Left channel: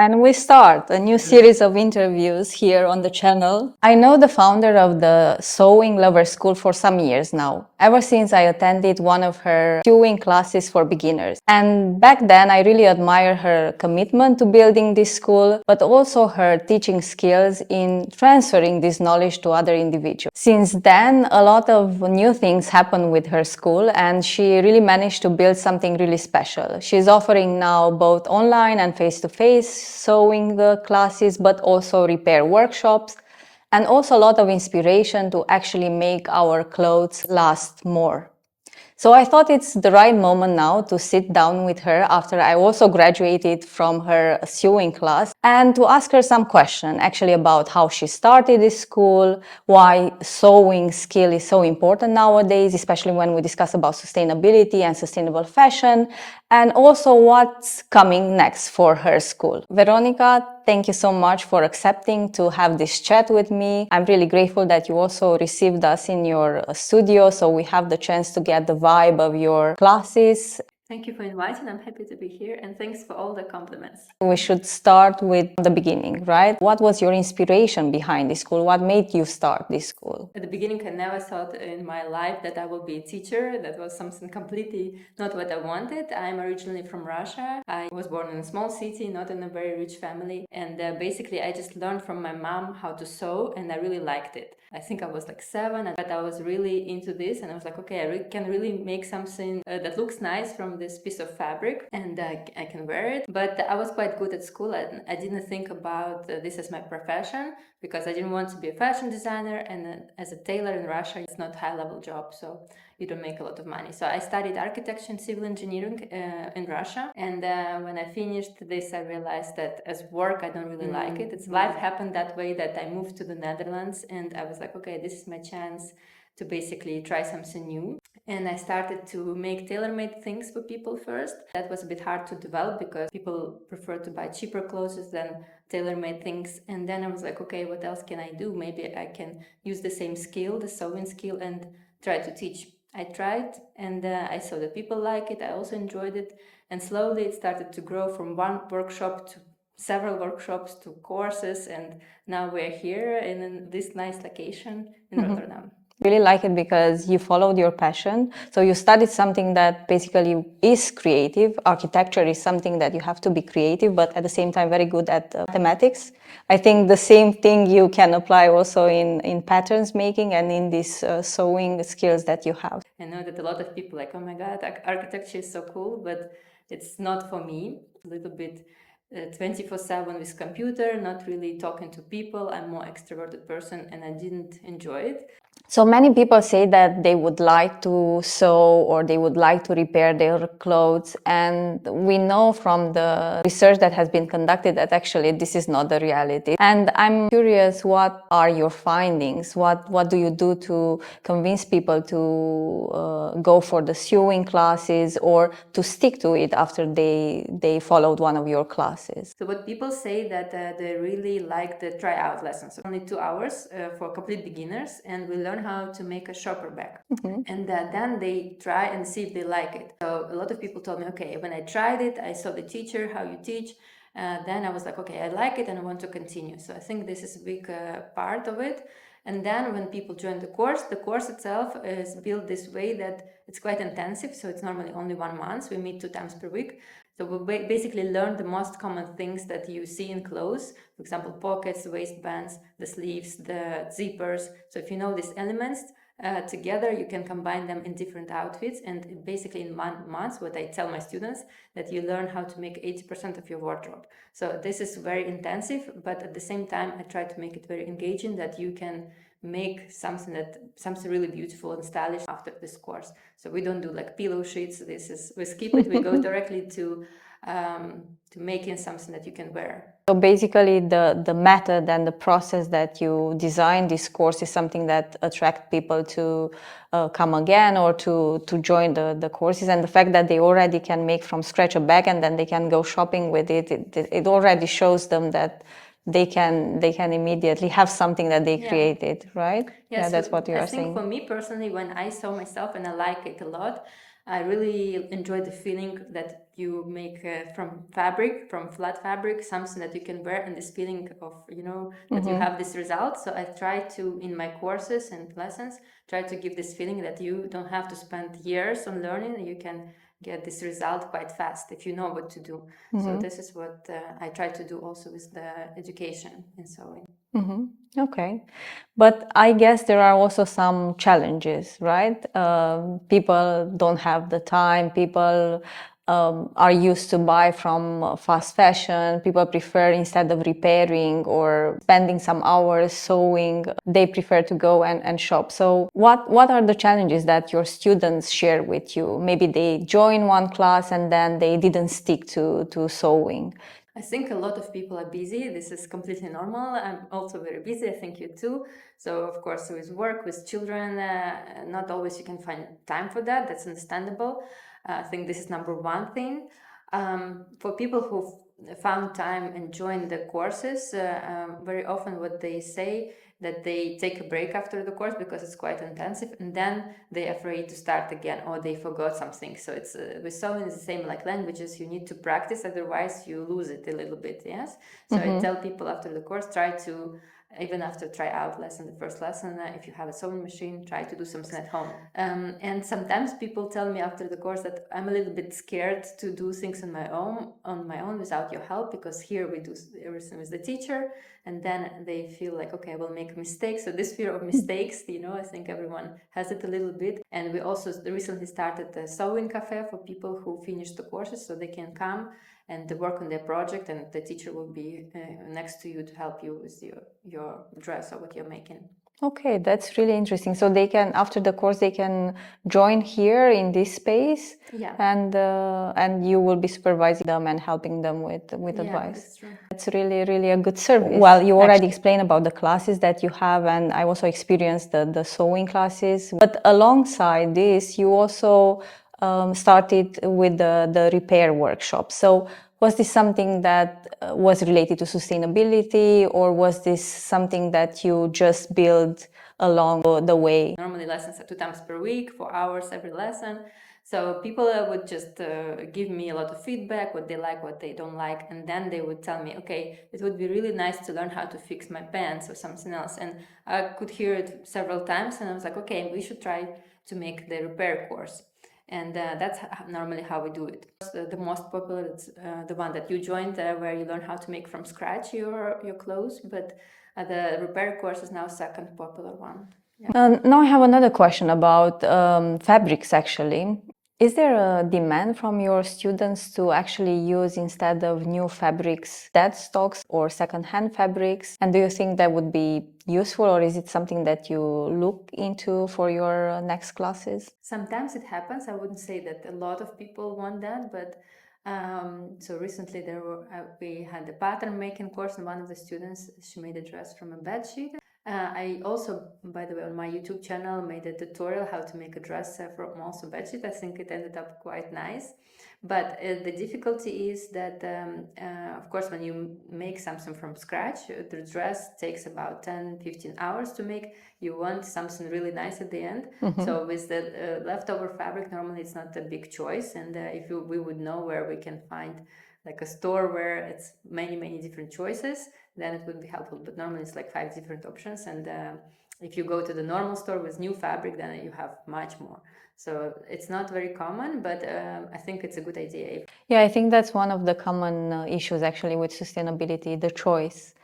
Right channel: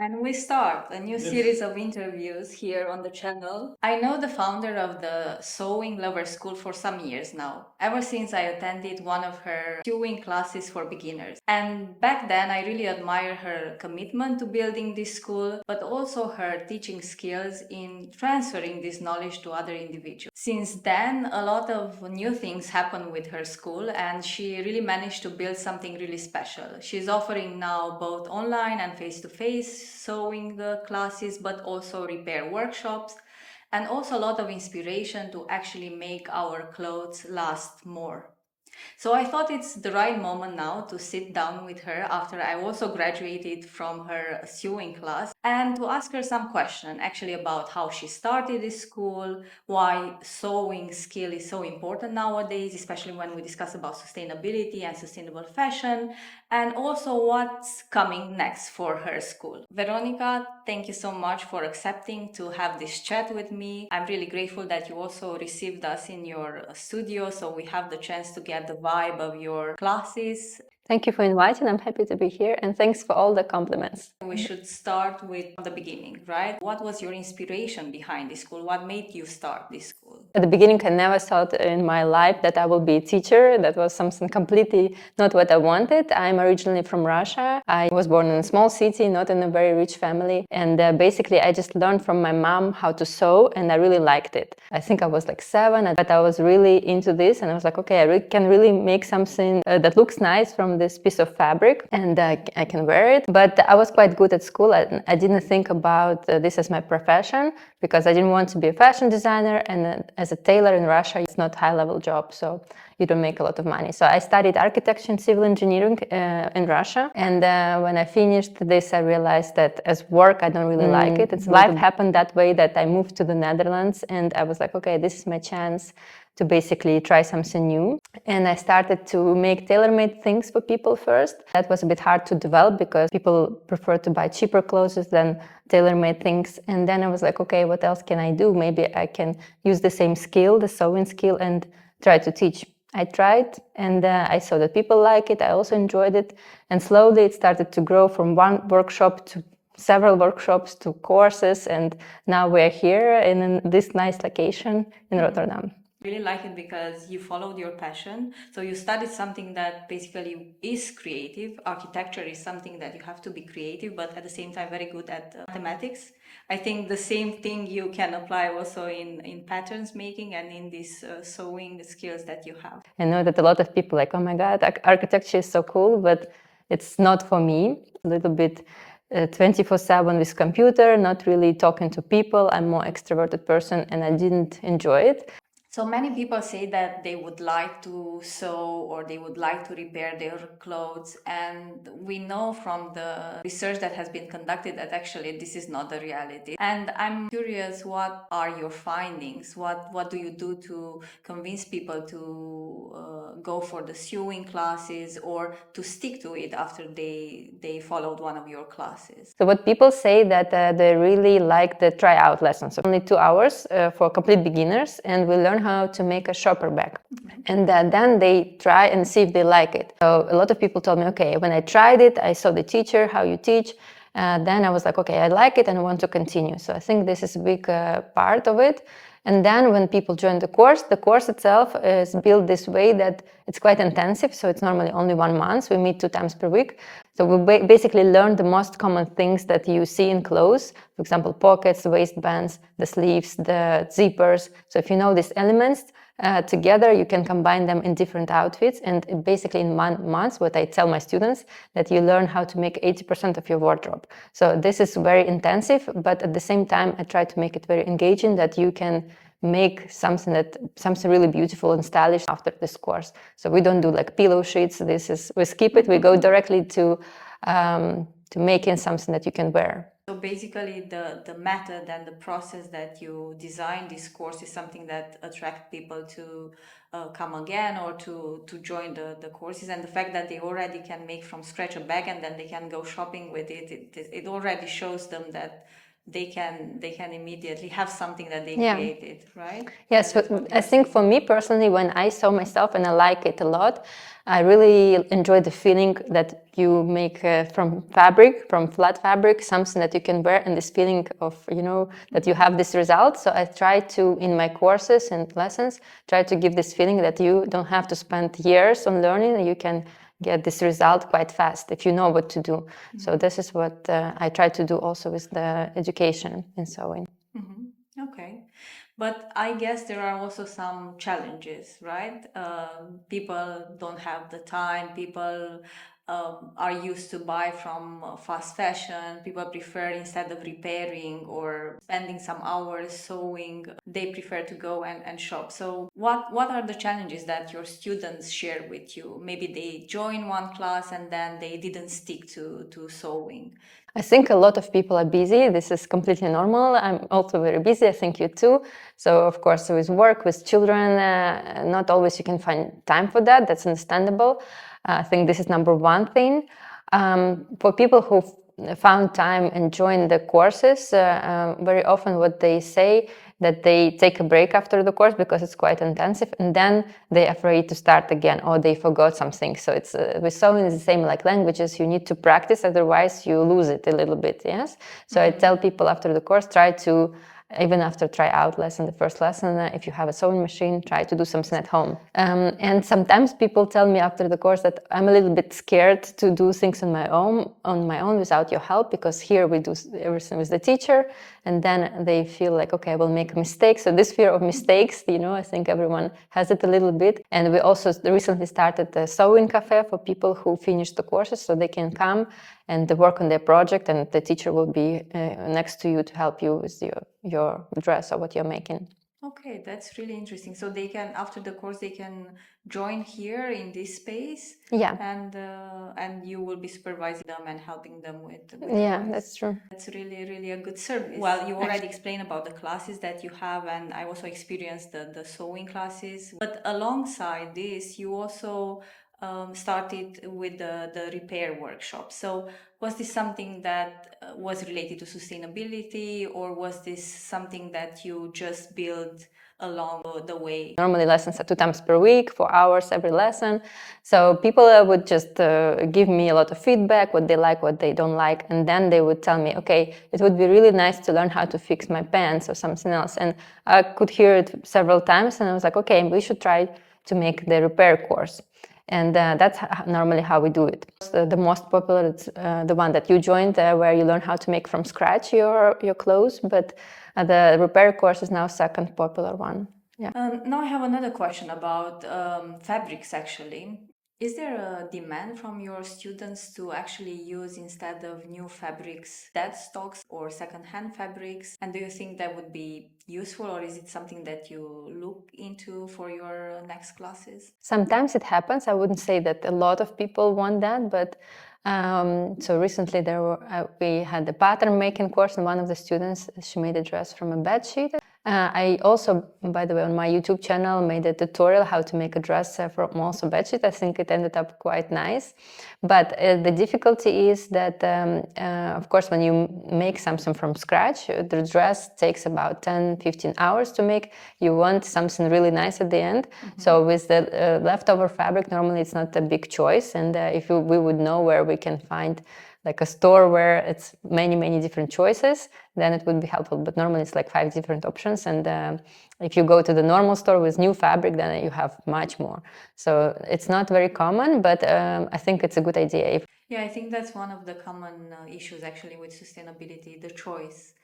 And we start a new series of interviews here on the channel. I know the founder of the Sewing Lover School for some years now, ever since I attended one of her sewing classes for beginners. And back then I really admire her commitment to building this school, but also her teaching skills in transferring this knowledge to other individuals. Since then, a lot of new things happen with her school, and she really managed to build something really special. She's offering now both online and face-to-face sewing classes, but also repair workshops, and also a lot of inspiration to actually make our clothes last more. So I thought it's the right moment now to sit down with her after I also graduated from her sewing class and to ask her some questions actually about how she started this school, why sewing skill is so important nowadays, especially when we discuss about sustainability and sustainable fashion, and also what's coming next for her school. Veronica, thank you so much for accepting to have this chat with me. I'm really grateful that you also received us in your studio, so we have the chance to get the vibe of your classes. Thank you for inviting. I'm happy to be here, and thanks for all the compliments. We should start with the beginning, right? What was your inspiration behind this school? What made you start this school? At the beginning, I never thought in my life that I would be a teacher. That was something completely not what I wanted. I'm originally from Russia. I was born in a small city, not in a very rich family. And basically, I just learned from my mom how to sew, and I really liked it. I think I was like 7, but I was really into this, and I was like, okay, I can really make something that looks nice from this piece of fabric, and I can wear it. But I was quite good at school. I didn't think about this as my profession because I didn't want to be a fashion designer, and as a tailor in Russia, it's not a high-level job, so you don't make a lot of money. So I studied architecture and civil engineering in Russia, and when I finished this, I realized that as work, I don't really like it. Life happened that way that I moved to the Netherlands, and I was like, okay, this is my chance to basically try something new. And I started to make tailor-made things for people first. That was a bit hard to develop because people prefer to buy cheaper clothes than tailor-made things. And then I was like, okay, what else can I do? Maybe I can use the same skill, the sewing skill, and try to teach. I tried, and I saw that people like it. I also enjoyed it. And slowly it started to grow from one workshop to several workshops to courses. And now we're here in this nice location in Rotterdam. Really like it because you followed your passion. So you studied something that basically is creative. Architecture is something that you have to be creative, but at the same time very good at mathematics. I think the same thing you can apply also in patterns making and in these sewing skills that you have. I know that a lot of people like, oh my God, architecture is so cool, but it's not for me. A little bit 24/7 with computer, not really talking to people. I'm more extroverted person, and I didn't enjoy it. So many people say that they would like to sew or they would like to repair their clothes, and we know from the research that has been conducted that actually this is not the reality. And I'm curious, what are your findings? What do you do to convince people to go for the sewing classes or to stick to it after they followed one of your classes? So what people say that they really like the tryout lessons. So only 2 hours for complete beginners, and we learn how to make a shopper bag. And then they try and see if they like it. So a lot of people told me, okay, when I tried it, I saw the teacher, how you teach. Then I was like, okay, I like it and I want to continue. So I think this is a big part of it. And then when people join the course itself is built this way that it's quite intensive. So it's normally only 1 month. We meet 2 times per week. So we basically learn the most common things that you see in clothes. For example, pockets, waistbands, the sleeves, the zippers. So if you know these elements together, you can combine them in different outfits. And basically in 1 month, what I tell my students, that you learn how to make 80% of your wardrobe. So this is very intensive, but at the same time, I try to make it very engaging, that you can make something really beautiful and stylish after this course. So we don't do like pillow sheets. We skip it. We go directly to making something that you can wear. So basically the method and the process that you design this course is something that attracts people to come again or to join the courses, and the fact that they already can make from scratch a bag and then they can go shopping with it, it already shows them that they can immediately have something that they created, right? Yes, That's what you I are think saying. for me personally, when I sew myself and I like it a lot, I really enjoy the feeling that you make from fabric, from flat fabric, something that you can wear, and this feeling of, that you have this result. So I try to, in my courses and lessons, try to give this feeling that you don't have to spend years on learning, you can get this result quite fast if you know what to do. So this is what I try to do also with the education in sewing. Okay. But I guess there are also some challenges, right? People don't have the time. People are used to buy from fast fashion. People prefer, instead of repairing or spending some hours sewing, they prefer to go and shop. So what are the challenges that your students share with you? Maybe they join one class and then they didn't stick to sewing. I think a lot of people are busy. This is completely normal. I'm also very busy. I think you too. So, of course, with work, with children, not always you can find time for that. That's understandable. I think this is number one thing. For people who found time and joined the courses, very often what they say that they take a break after the course because it's quite intensive, and then they're afraid to start again, or they forgot something. So it's with sewing is the same like languages. You need to practice, otherwise you lose it a little bit. Yes. So I tell people after the course, try to, even after tryout lesson, the first lesson, if you have a sewing machine, try to do something at home. And sometimes people tell me after the course that I'm a little bit scared to do things on my own without your help, because here we do everything with the teacher, and then they feel like, okay, I will make a mistake. So this fear of mistakes, I think everyone has it a little bit. And we also recently started a sewing cafe for people who finished the courses, so they can come and work on their project, and the teacher will be next to you to help you with your dress or what you're making. Okay, that's really interesting. So they can, after the course, they can join here in this space. Yeah. And you will be supervising them and helping them with advice. That's true. That's really a good service. Well, you already explained about the classes that you have, and I also experienced the sewing classes. But alongside this, you also started with the repair workshop. So was this something that was related to sustainability, or was this something that you just built along the way? Normally lessons are 2 times per week, 4 hours every lesson. So people would just give me a lot of feedback, what they like, what they don't like. And then they would tell me, okay, it would be really nice to learn how to fix my pants or something else. And I could hear it several times, and I was like, okay, we should try to make the repair course. And that's normally how we do it. The most popular is the one that you joined, where you learn how to make from scratch your clothes. But the repair course is now second popular one. Yeah. Now I have another question about fabrics, actually. Is there a demand from your students to actually use, instead of new fabrics, dead stocks or second-hand fabrics? And do you think that would be useful, or is it something that you look into for your next classes? Sometimes it happens. I wouldn't say that a lot of people want that, but so recently we had a pattern making course, and one of the students, she made a dress from a bed sheet. I also, by the way, on my YouTube channel made a tutorial how to make a dress from also bedsheet. I think it ended up quite nice. But the difficulty is that, of course, when you make something from scratch, the dress takes about 10-15 hours to make. You want something really nice at the end. So with the leftover fabric, normally it's not a big choice. And if we would know where we can find like a store where it's many different choices, then it would be helpful. But normally it's like 5 different options, and if you go to the normal store with new fabric, then you have much more. So it's not very common, but I think it's a good idea. Yeah, I think that's one of the common issues actually with sustainability, the choice.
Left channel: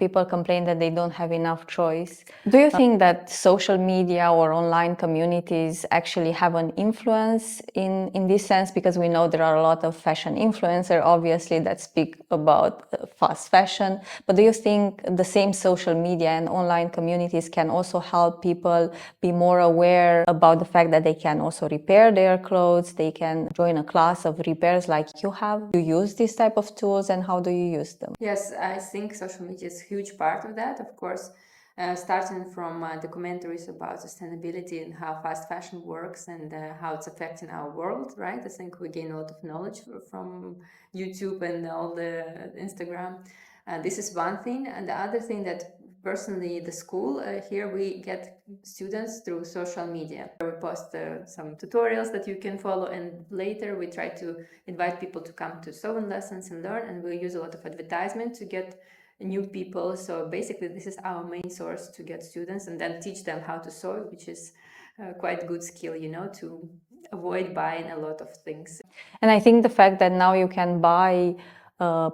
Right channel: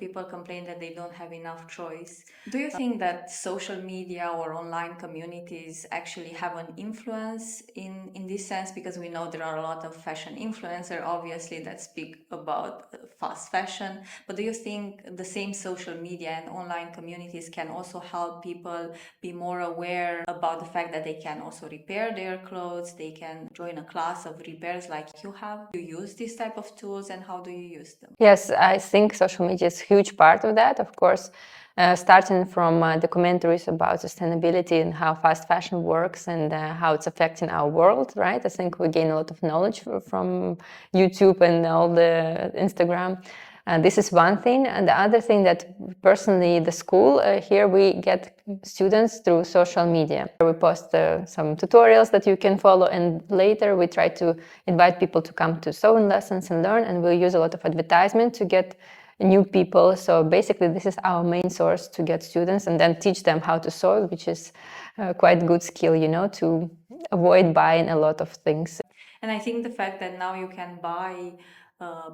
People complain that they don't have enough choice. Do you think that social media or online communities actually have an influence in this sense? Because we know there are a lot of fashion influencers, obviously, that speak about fast fashion. But do you think the same social media and online communities can also help people be more aware about the fact that they can also repair their clothes? They can join a class of repairs like you have. Do you use this type of tools, and how do you use them? Yes, I think social media is a huge part of that, of course. Starting from documentaries about sustainability and how fast fashion works and how it's affecting our world, right? I think we gain a lot of knowledge from YouTube and all the Instagram. This is one thing. And the other thing that personally the school here we get students through social media. We post some tutorials that you can follow, and later we try to invite people to come to sewing lessons and learn, and we'll use a lot of advertisement to get new people. So basically this is our main source to get students and then teach them how to sew, which is quite good skill, you know, to avoid buying a lot of things. And I think the fact that now you can buy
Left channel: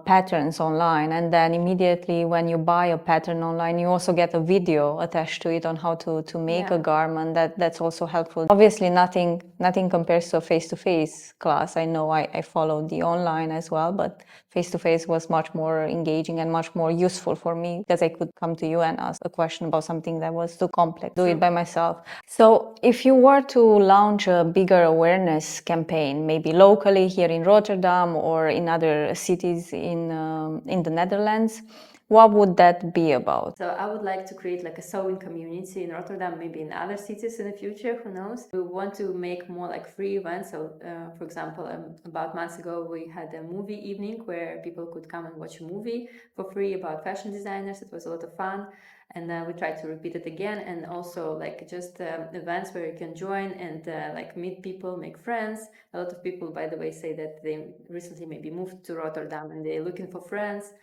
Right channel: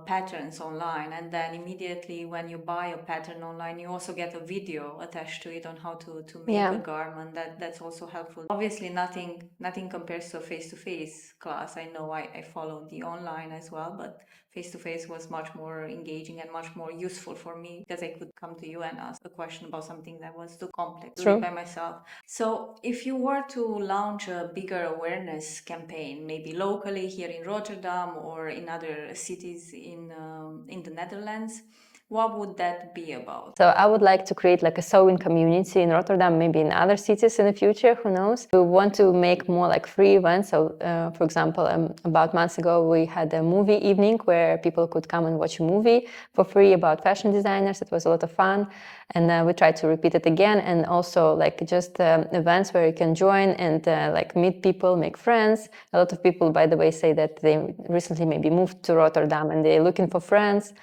patterns online, and then immediately when you buy a pattern online, you also get a video attached to it on how to make a garment. That's also helpful. Obviously, nothing compares to a face-to-face class. I know I followed the online as well, but face-to-face was much more engaging and much more useful for me because I could come to you and ask a question about something that was too complex. Do it by myself. So if you were to launch a bigger awareness campaign, maybe locally here in Rotterdam or in other cities in the Netherlands, what would that be about? So I would like to create like a sewing community in Rotterdam, maybe in other cities in the future, who knows. We want to make more like free events. So for example, about months ago, we had a movie evening where people could come and watch a movie for free about fashion designers. It was a lot of fun. And we tried to repeat it again. And also like just events where you can join and like meet people, make friends. A lot of people, by the way, say that they recently maybe moved to Rotterdam and they're looking for friends.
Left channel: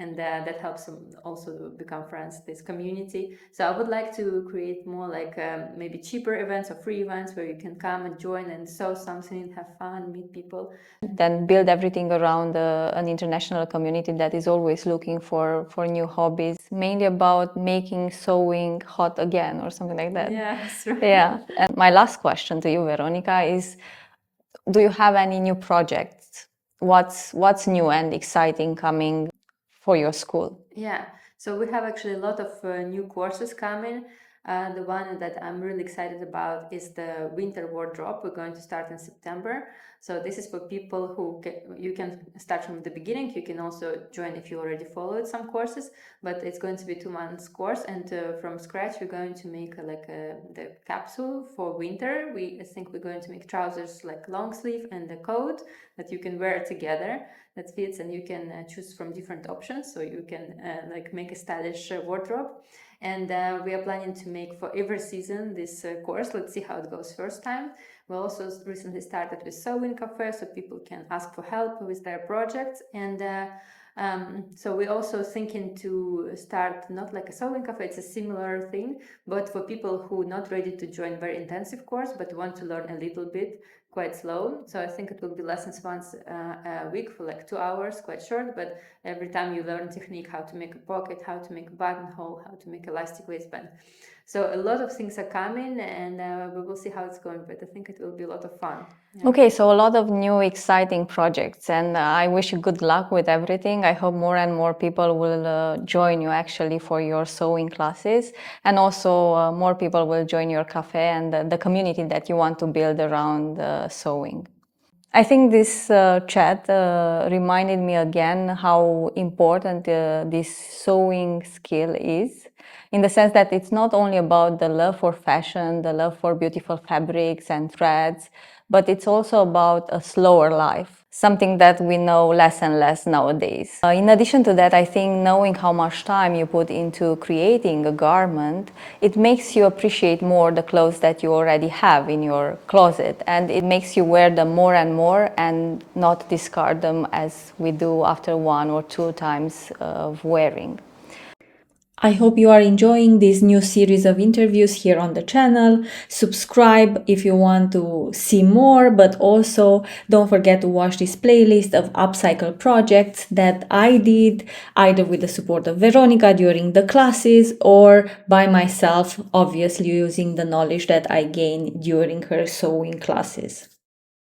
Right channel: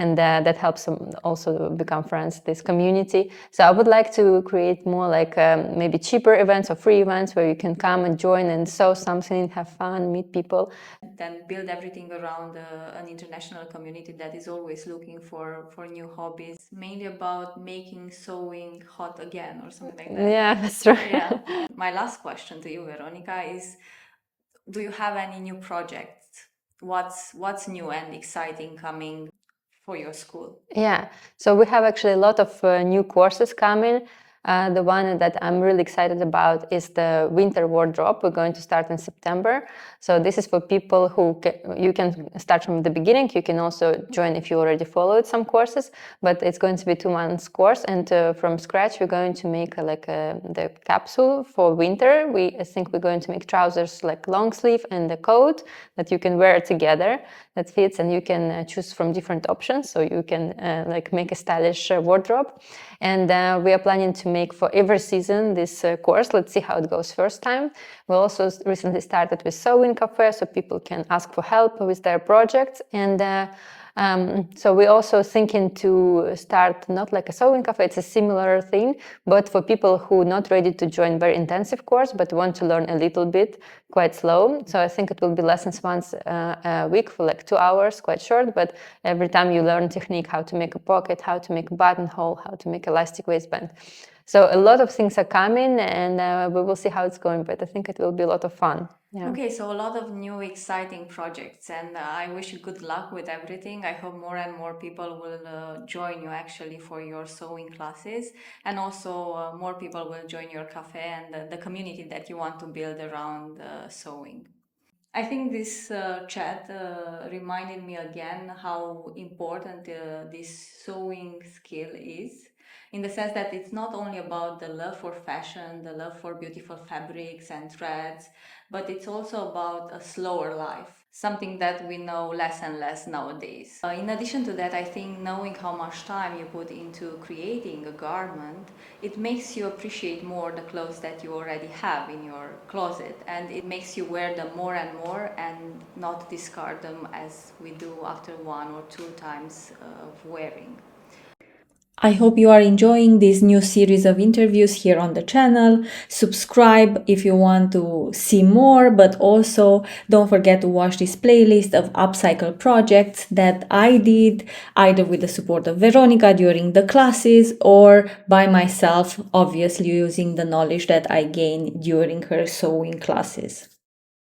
And that helps them also become friends, this community. So I would like to create more like maybe cheaper events or free events where you can come and join and sew something, have fun, meet people. Then build everything around an international community that is always looking for new hobbies, mainly about making sewing hot again or something like that. Yeah, that's right. Yeah. And my last question to you, Veronica, is do you have any new projects? What's new and exciting coming for your school? Yeah, so we have actually a lot of new courses coming. The one that I'm really excited about is the winter wardrobe. We're going to start in September. So this is for people who you can start from the beginning. You can also join if you already followed some courses, but it's going to be 2 months course. And from scratch, we're going to make the capsule for winter. I think we're going to make trousers like long sleeve and a coat that you can wear together that fits, and you can choose from different options. So you can like make a stylish wardrobe. And we are planning to make for every season this course. Let's see how it goes first time. We also recently started with sewing cafe, so people can ask for help with their projects. And so we're also thinking to start not like a sewing cafe, it's a similar thing, but for people who are not ready to join very intensive course, but want to learn a little bit, quite slow. So I think it will be lessons once a week for like 2 hours, quite short, but every time you learn technique, how to make a pocket, how to make a buttonhole, how to make elastic waistband. So a lot of things are coming, and we will see how it's going, but I think it will be a lot of fun. Yeah. Okay, so a lot of new exciting projects, and I wish you good luck with everything. I hope more and more people will join you actually for your sewing classes, and also more people will join your cafe and the community that you want to build around sewing. I think this chat reminded me again how important this sewing skill is, in the sense that it's not only about the love for fashion, the love for beautiful fabrics and threads, but it's also about a slower life, something that we know less and less nowadays. In addition to that, I think knowing how much time you put into creating a garment, it makes you appreciate more the clothes that you already have in your closet, and it makes you wear them more and more and not discard them as we do after 1 or 2 times of wearing. I hope you are enjoying this new series of interviews here on the channel. Subscribe if you want to see more, but also don't forget to watch this playlist of upcycle projects that I did either with the support of Veronica during the classes or by myself, obviously using the knowledge that I gained during her sewing classes.